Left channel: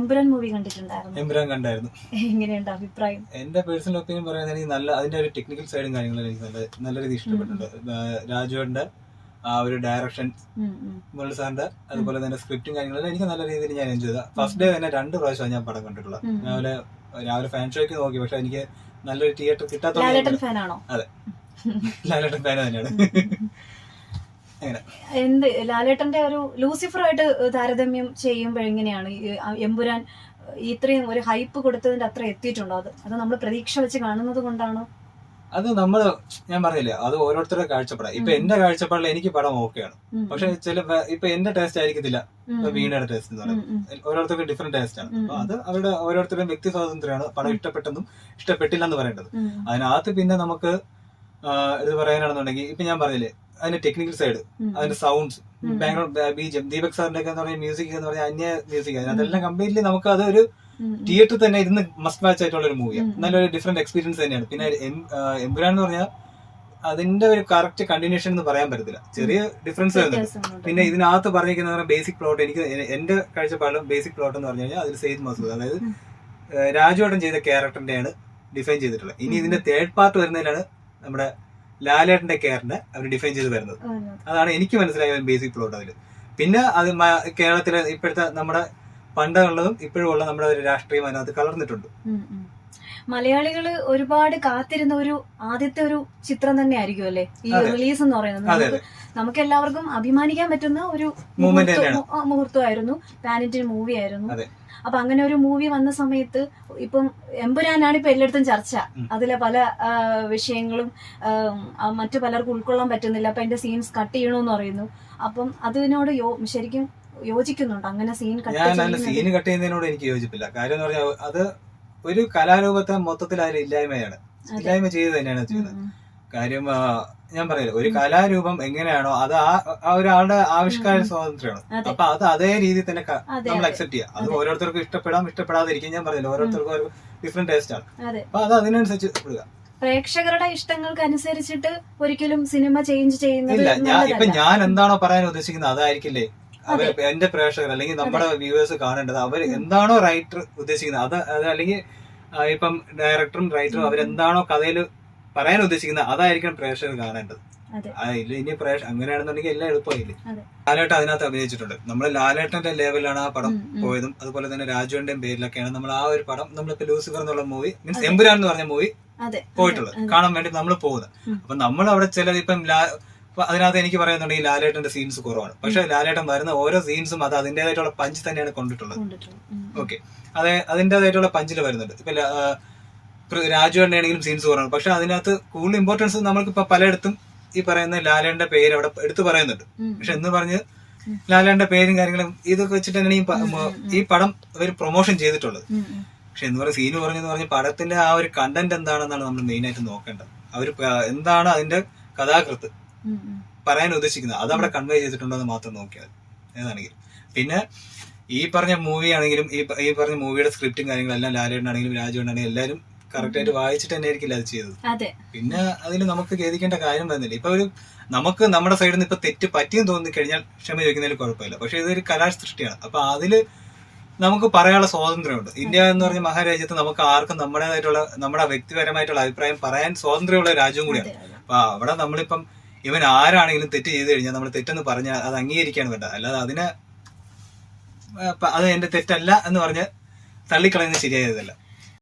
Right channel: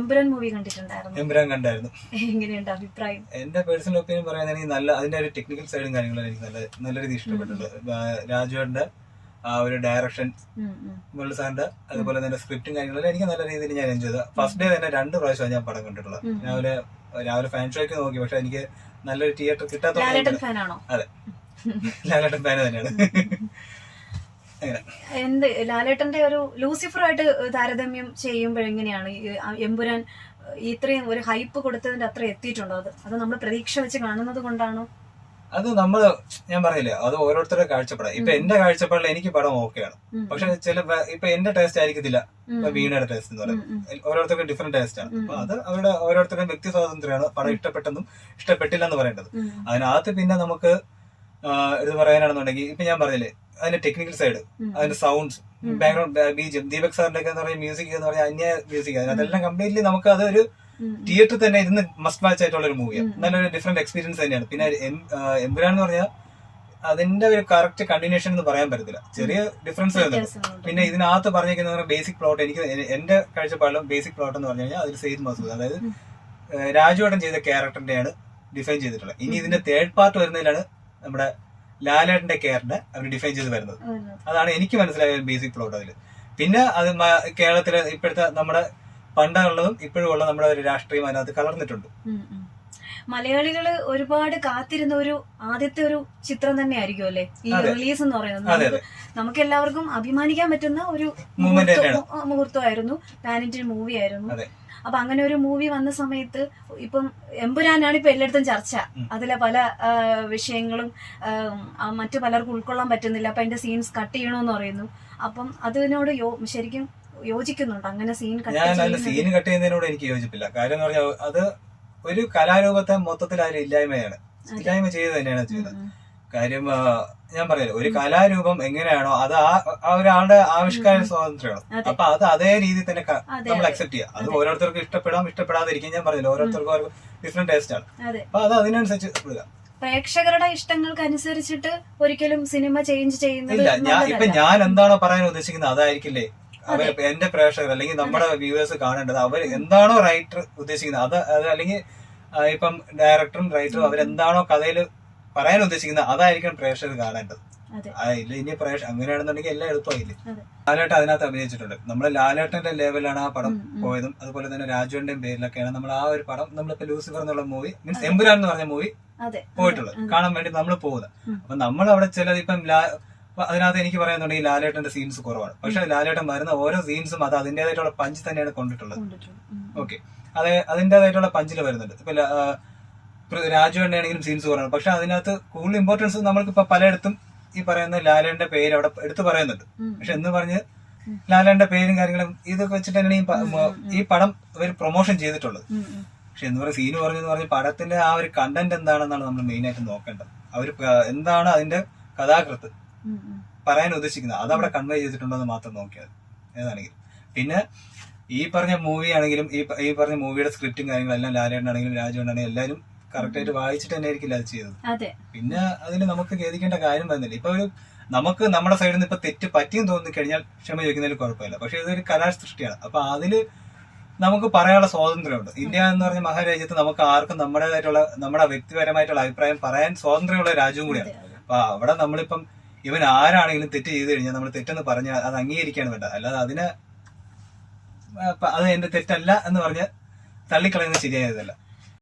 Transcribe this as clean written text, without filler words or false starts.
Empuraan movie കണ്ടിട്ടുണ്ടായിരുന്നു. എമ്പുരാൻ കണ്ടായിരുന്നു. എങ്ങനെയുണ്ട് അഭിപ്രായം? എന്റെ പേഴ്സണൽ ഒപ്പീനിയൻ പറയുകയാണെങ്കിൽ നല്ല അതിന്റെ ഒരു ടെക്നിക്കൽ സൈഡും കാര്യങ്ങളും എനിക്ക് നല്ല രീതിയിൽ ഇഷ്ടപ്പെട്ടിട്ടുണ്ട്. രാജുവിന്റെ ആ ഒരു ഡയറക്ഷൻ, മുരളി സാറിന്റെ അതുപോലെ തന്നെ സ്ക്രിപ്റ്റും കാര്യങ്ങളെല്ലാം എനിക്ക് നല്ല രീതിയിൽ ഞാൻ എൻജോയ് ചെയ്ത. ഫസ്റ്റ് ഡേ തന്നെ 2 പ്രാവശ്യമാണ് ഞാൻ പടം കണ്ടിട്ടുള്ളത്. രാവിലെ ഫാൻ ഷോയ്ക്ക് നോക്കി, പക്ഷെ എനിക്ക് നല്ലൊരു തിയേറ്റർ കിട്ടാത്തോണ്ട്. അതെ, ലാലേട്ടൻ ഫാൻ തന്നെയാണ്. എന്ത് ലാലേട്ടന്റെ ഒരു ലൂസിഫറുമായിട്ട് താരതമ്യം ചെയ്യുമ്പോഴെങ്ങനെയാണ് എമ്പുരാൻ ഇത്രയും ഒരു ഹൈപ്പ് കൊടുത്തതിന്റെ അത്ര എത്തിയിട്ടുണ്ടോ? അത് നമ്മൾ പ്രതീക്ഷ വെച്ച് കാണുന്നത് കൊണ്ടാണോ? അത് ഞാൻ പറഞ്ഞില്ലേ, അത് ഓരോരുത്തരുടെ കാഴ്ചപ്പാടാ. ഇപ്പൊ എന്റെ കാഴ്ചപ്പാടിൽ എനിക്ക് പടം ഓക്കെയാണ്. പക്ഷെ ഇപ്പൊ എന്റെ ടേസ്റ്റ് ആയിരിക്കത്തില്ല ഇപ്പൊ വീണയുടെ ടേസ്റ്റ് എന്ന് പറയുന്നത്. ഓരോരുത്തർക്ക് ഡിഫറെന്റ് ടേസ്റ്റ് ആണ്. അപ്പൊ അത് അവരുടെ ഓരോരുത്തരുടെയും വ്യക്തി സ്വാതന്ത്ര്യമാണ് പടം ഇഷ്ടപ്പെട്ടെന്നും ഇഷ്ടപ്പെട്ടില്ലെന്ന് പറയേണ്ടത്. അതിനകത്ത് പിന്നെ നമുക്ക് ഇത് പറയാനാണെന്നുണ്ടെങ്കിൽ ഇപ്പൊ ഞാൻ പറഞ്ഞില്ലേ, അതിന്റെ ടെക്നിക്കൽ സൈഡ്, അതിന്റെ സൗണ്ട്സ്, ബാക്ക്ഗ്രൗണ്ട് ബീജം, ദീപക് സാറിന്റെ ഒക്കെ എന്ന് പറഞ്ഞ മ്യൂസിക് എന്ന് പറഞ്ഞാൽ അന്യ മ്യൂസിക്, അതെല്ലാം കംപ്ലീറ്റ്ലി നമുക്ക് അതൊരു തിയേറ്ററിൽ തന്നെ ഇരുന്ന് മസ്റ്റ് വാച്ച് ആയിട്ടുള്ള ഒരു മൂവിയാണ്. നല്ലൊരു ഡിഫറെന്റ് എക്സ്പീരിയൻസ് തന്നെയാണ്. പിന്നെ എമ്പുരാൻ എന്ന് പറഞ്ഞാൽ അതിന്റെ ഒരു കറക്റ്റ് കണ്ടിന്യൂഷൻ എന്ന് പറയാൻ പറ്റത്തില്ല, ചെറിയ ഡിഫറൻസ് വരുന്നുണ്ട്. പിന്നെ ഇതിനകത്ത് പറഞ്ഞിരിക്കുന്ന ബേസിക് പ്ലോട്ട്, എനിക്ക് എന്റെ കാഴ്ചപ്പാടിലും ബേസിക് പ്ലോട്ട് എന്ന് പറഞ്ഞു കഴിഞ്ഞാൽ അതിൽ സെയ്ദ് മസൂദ്, അതായത് രാജുവേട്ടൻ ചെയ്ത ക്യാരക്ടറിന്റെയാണ് ഡിഫൈൻ ചെയ്തിട്ടുള്ളത്. ഇനി ഇതിന്റെ തേർഡ് പാർട്ട് വരുന്നതിലാണ് നമ്മുടെ ലാലേട്ടന്റെ ക്യാരക്ടറിനെ അവർ ഡിഫൈൻ ചെയ്ത് വരുന്നത്. അതാണ് എനിക്ക് മനസ്സിലായ ബേസിക് പ്ലോട്ട് അതിൽ. പിന്നെ അത് കേരളത്തിലെ ഇപ്പോഴത്തെ നമ്മുടെ പണ്ടുള്ളതും ഇപ്പോഴും ഉള്ള നമ്മുടെ ഒരു രാഷ്ട്രീയം അതിനകത്ത് കലർന്നിട്ടുണ്ട്. മലയാളികള് ഒരുപാട് കാത്തിരുന്ന ഒരു ആദ്യത്തെ ഒരു ചിത്രം തന്നെ ആയിരിക്കും അല്ലെ ഈ റിലീസ് എന്ന് പറയുന്നത്. നമുക്ക് എല്ലാവർക്കും അഭിമാനിക്കാൻ പറ്റുന്ന ഒരു മുഹൂർത്തമായിരുന്നു. പാൻ ഇന്ത്യൻ മൂവി ആയിരുന്നു. അപ്പൊ അങ്ങനെ ഒരു മൂവി വന്ന സമയത്ത് ഇപ്പം എമ്പുരാനാണ് ഇപ്പൊ എല്ലായിടത്തും ചർച്ച. അതിലെ പല വിഷയങ്ങളും മറ്റു പലർക്കും ഉൾക്കൊള്ളാൻ പറ്റുന്നില്ല. അപ്പൊ എന്റെ സീൻസ് കട്ട് ചെയ്യണമെന്ന് പറയുന്നു. അപ്പം അതിനോട് ശരിക്കും യോജിക്കുന്നുണ്ട് അങ്ങനെ സീൻ കട്ട് ചെയ്യുന്നതിനോട് എനിക്ക് യോജിപ്പില്ല. കാര്യം എന്ന് പറഞ്ഞാൽ അത് ഒരു കലാരൂപത്തെ മൊത്തത്തിൽ അതിൽ ഇല്ലായ്മ ചെയ്ത് തന്നെയാണ് ചെയ്യുന്നത്. കാര്യം ഞാൻ പറയില്ല, ഒരു കലാരൂപം എങ്ങനെയാണോ അത് ആ ഒരാളുടെ ആവിഷ്കാര സ്വാതന്ത്ര്യമാണ്. അപ്പൊ അത് അതേ രീതിയിൽ തന്നെ നമ്മൾ അക്സെപ്റ്റ് ചെയ്യാം. അത് ഓരോരുത്തർക്കും ഇഷ്ടപ്പെടാതിരിക്കും. ഞാൻ പറഞ്ഞില്ല, ഓരോരുത്തർക്കും ഡിഫറെന്റ് ടേസ്റ്റ് ആണ്. അപ്പൊ അത് അതിനനുസരിച്ച് ഇടുക. പ്രേക്ഷകരുടെ ഇഷ്ടങ്ങൾക്ക് അനുസരിച്ചിട്ട് ഒരിക്കലും സിനിമ ചേഞ്ച് ചെയ്യുന്നില്ല. ഞാൻ എന്താണോ പറയാൻ ഉദ്ദേശിക്കുന്നത് അതായിരിക്കില്ലേ എന്റെ പ്രേക്ഷകർ അല്ലെങ്കിൽ നമ്മുടെ വ്യൂവേഴ്സ് കാണേണ്ടത്. അവർ എന്താണോ റൈറ്റർ ഉദ്ദേശിക്കുന്നത് അത് അല്ലെങ്കിൽ ഇപ്പം ഡയറക്ടറും റൈറ്ററും അവരെന്താണോ കഥയിൽ പറയാൻ ഉദ്ദേശിക്കുന്നത് അതായിരിക്കണം പ്രേക്ഷകർ കാണേണ്ടത്. ഇനി അങ്ങനെയാണെന്നുണ്ടെങ്കിൽ എല്ലാം എളുപ്പമായില്ലേ. ലാലേട്ടൻ അതിനകത്ത് അഭിനയിച്ചിട്ടുണ്ട്. നമ്മള് ലാലേട്ടന്റെ ലെവലിലാണ് ആ പടം പോയതും അതുപോലെ തന്നെ രാജുവിന്റെയും പേരിലൊക്കെയാണ് നമ്മൾ ആ ഒരു പടം നമ്മളിപ്പോ ലൂസിഫർ എന്നുള്ള മൂവി മീൻസ് എമ്പുരാൻ എന്ന് പറഞ്ഞ മൂവി പോയിട്ടുള്ളത് കാണാൻ വേണ്ടി നമ്മൾ പോകുന്നത്. അപ്പൊ നമ്മൾ അവിടെ ചിലത് ഇപ്പം അതിനകത്ത് എനിക്ക് പറയാന്നുണ്ടെങ്കിൽ ലാലേട്ടന്റെ സീൻസ് കുറവാണ്. പക്ഷെ ലാലേട്ടൻ വരുന്ന ഓരോ സീൻസും അത് അതിന്റേതായിട്ടുള്ള പഞ്ച് തന്നെയാണ് കൊണ്ടിട്ടുള്ളത്. ഓക്കെ, അതിന്റേതായിട്ടുള്ള പഞ്ചിൽ വരുന്നുണ്ട്. ഇപ്പൊ രാജുവേട്ടൻ്റെ ആണെങ്കിലും സീൻസ് കുറവാണ്. പക്ഷെ അതിനകത്ത് കൂടുതൽ ഇമ്പോർട്ടൻസ് നമ്മൾക്ക് ഇപ്പൊ പലയിടത്തും ഈ പറയുന്ന ലാലേട്ടന്റെ പേര് അവിടെ എടുത്തു പറയുന്നുണ്ട്. പക്ഷെ എന്ന് പറഞ്ഞ് ലാലേട്ടന്റെ പേരും കാര്യങ്ങളും ഇതൊക്കെ വെച്ചിട്ട് തന്നെയാണ് ഈ പടം ഒരു പ്രൊമോഷൻ ചെയ്തിട്ടുള്ളത്. പക്ഷെ എന്ന് പറയുന്ന സീന് പറഞ്ഞ് പടത്തിന്റെ ആ ഒരു കണ്ടന്റ് എന്താണെന്നാണ് നമ്മൾ മെയിൻ ആയിട്ട് നോക്കേണ്ടത്. അവർ എന്താണ് അതിന്റെ കഥാകൃത്ത് പറയാൻ ഉദ്ദേശിക്കുന്നത് അത് അവിടെ കൺവേ ചെയ്തിട്ടുണ്ടോ എന്ന് മാത്രം നോക്കിയാൽ ഏതാണെങ്കിലും. പിന്നെ ഈ പറഞ്ഞ മൂവി ആണെങ്കിലും ഈ പറഞ്ഞ മൂവിയുടെ സ്ക്രിപ്റ്റും കാര്യങ്ങളെല്ലാം ലാലേട്ടനാണെങ്കിലും രാജുവേട്ടനാണെങ്കിലും എല്ലാവരും കറക്റ്റ് ആയിട്ട് വായിച്ചിട്ട് തന്നെ ആയിരിക്കില്ല അത് ചെയ്തത്. പിന്നെ അതിൽ നമുക്ക് ഖേദിക്കേണ്ട കാര്യം വരുന്നില്ല. ഇപ്പൊ നമുക്ക് നമ്മുടെ സൈഡിൽ നിന്ന് ഇപ്പൊ തെറ്റ് പറ്റിയെന്ന് തോന്നി കഴിഞ്ഞാൽ ക്ഷമ ചോദിക്കുന്നതിൽ കുഴപ്പമില്ല. പക്ഷെ ഇതൊരു കലാസൃഷ്ടിയാണ്. അപ്പൊ അതില് നമുക്ക് പറയാനുള്ള സ്വാതന്ത്ര്യമുണ്ട്. ഇന്ത്യ എന്ന് പറഞ്ഞ മഹാരാജ്യത്ത് നമുക്ക് ആർക്കും നമ്മുടെ വ്യക്തിപരമായിട്ടുള്ള അഭിപ്രായം പറയാൻ സ്വാതന്ത്ര്യമുള്ള രാജ്യവും കൂടിയാണ്. അപ്പൊ അവിടെ നമ്മളിപ്പം ഇവൻ ആരാണെങ്കിലും തെറ്റ് ചെയ്ത് കഴിഞ്ഞാൽ നമ്മൾ തെറ്റെന്ന് പറഞ്ഞാൽ അത് അംഗീകരിക്കാണ് വേണ്ടത്. അല്ലാതെ അത് എന്റെ തെറ്റല്ല എന്ന് പറഞ്ഞ് തള്ളിക്കളയുന്നത് ശരിയായതല്ല.